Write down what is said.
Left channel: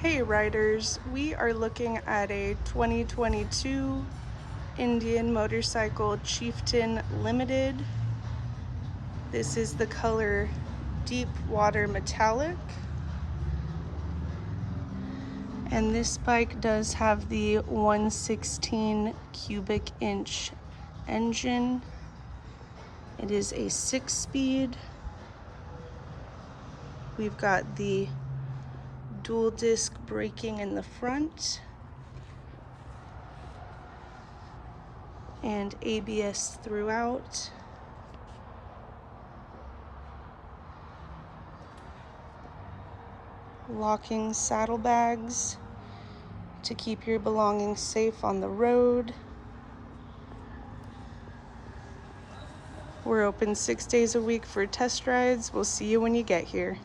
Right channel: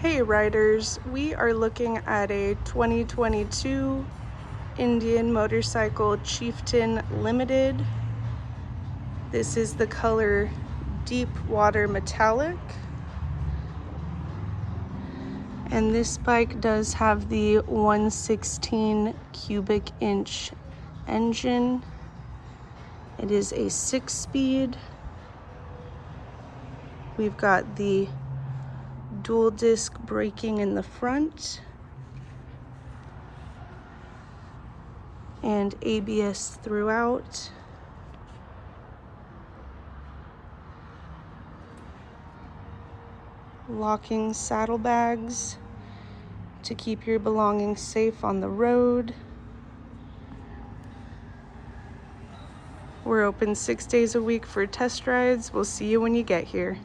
Hey riders, we are looking at a 2022 Indian Motorcycle Chieftain Limited. This is the color Deep Water Metallic. And this bike does have the 116 cubic inch engine. It is a 6-speed. We've got the dual disc braking in the front and ABS throughout. Locking saddlebags to keep your belongings safe on the road. We're open 6 days a week for test rides. We'll see you when you get here.